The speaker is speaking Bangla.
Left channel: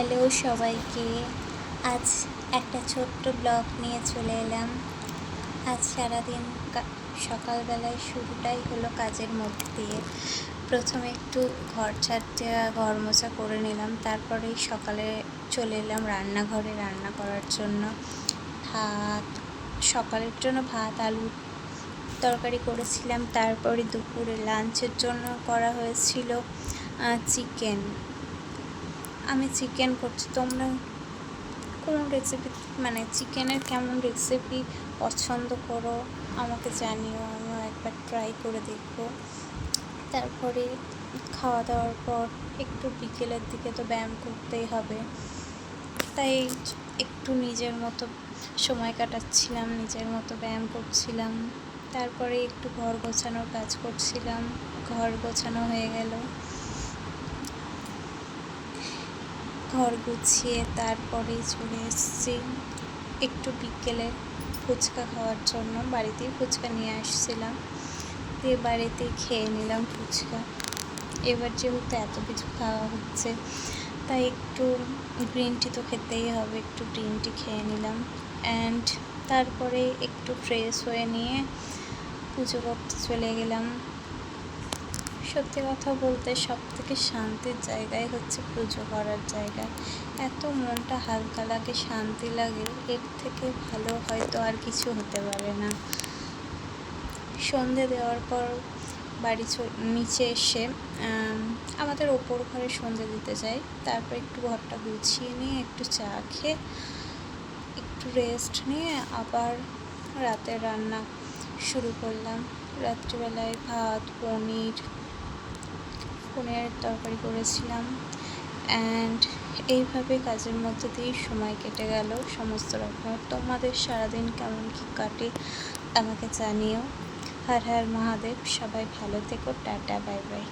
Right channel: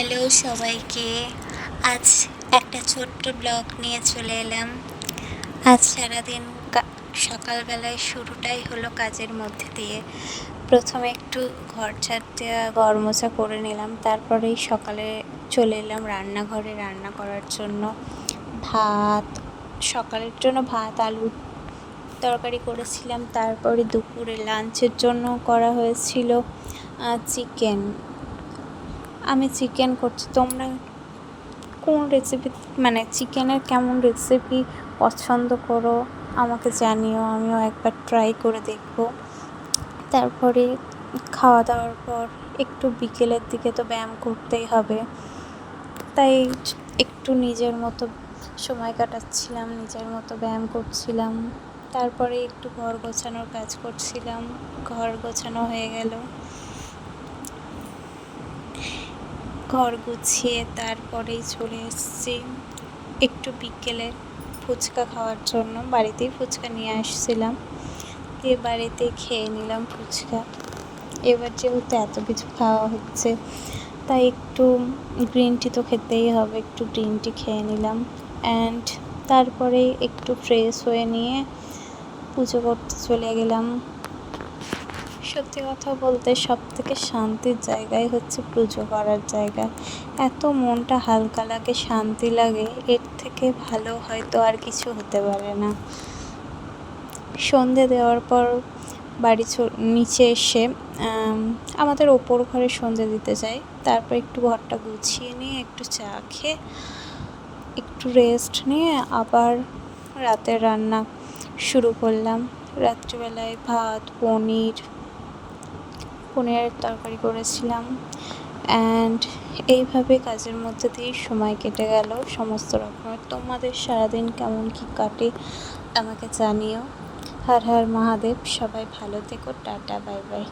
হ্যালো সবাইকে। আজ একটা ছোট্ট ব্লগ নিয়ে চলে এলাম। আজ সারাদিন সকালবেলায় শুরুটাই হলো কাজের মধ্যে দিয়ে। প্রথমে একটু ঘর ঝাড় দেওয়া, ঘর মোছা করে নিলাম। তারপরেই সকালে চলে এলাম রান্নাঘরে রান্না করার জন্য। সকালের জন্য ভাত আলুর তরকারি করেছিলাম। তারপরে দুপুরে লাঞ্চের জন্য করা হয়েছিল চিকেন। আমি চিকেন করছি, তোমরা কোন রেসিপি চিকেনের কেমন রেসিপি পছন্দ করো আমাকে জানিও, আমিও একবার ট্রাই করে দেখব। তারপরে খাওয়া দাওয়ার পর একটু বিকেলের দিকে তো ব্যায়াম করতেই হবে, তাই একটু নিজের মতো সময় কাটাচ্ছিলাম, নিজের মতো ব্যায়াম করছিলাম। তারপরে একটু ঘর গোছানোর কাজ করছিলাম। ঘর গোছানো হয়ে গেল, ঘর গুছিয়ে তারপরেই চলে এসেছি একটু বিকেলে ফুচকা খাওয়ার জন্য। বাড়িতেই ফুচকা নিয়ে আসছিলাম, দিয়ে বাড়িতে খেয়ে নিলাম ফুচকা। এবার যেহেতু এত কিছু খাওয়া হচ্ছে, তাই একটু গ্রিন টি তো খেতেই হবে, একটু গ্রিন টি খেয়ে নিলাম। অ্যান্ড তারপরে একটু ফ্রেশ হয়ে নিয়ে পুজো করতে চলে গেলাম। সত্যি কথা বলতে সবথেকে শান্তির জায়গাই হচ্ছে পুজো করার জায়গা। এত মনটা হালকা লাগে, শান্তি লাগে, এর থেকে ভালো হয়তো আর কিছু হতে পারে না। সন্ধে দেওয়ার পর নিচে এসে আমাদের ওপর ঘরে সন্ধে দিতে যাই। তারপর একটু ঘরটা গুছিয়ে নিয়ে একটু চা খেয়ে একটু রেস্ট নিয়ে আবার রাতের রান্না শুরু করলাম। রাত্রিবেলায় ভাত, পনিরের তরকারি করেছিলাম। অ্যান্ড এইভাবে কাজের মধ্যে দিয়েই সময় কেটে গেল সমস্ত রকমের। তোমাদের সারাদিন কেমন কী কাটে আমাকে জানিও। হর হর মহাদেব। সবাই ভালো থেকো। Tata, bye bye.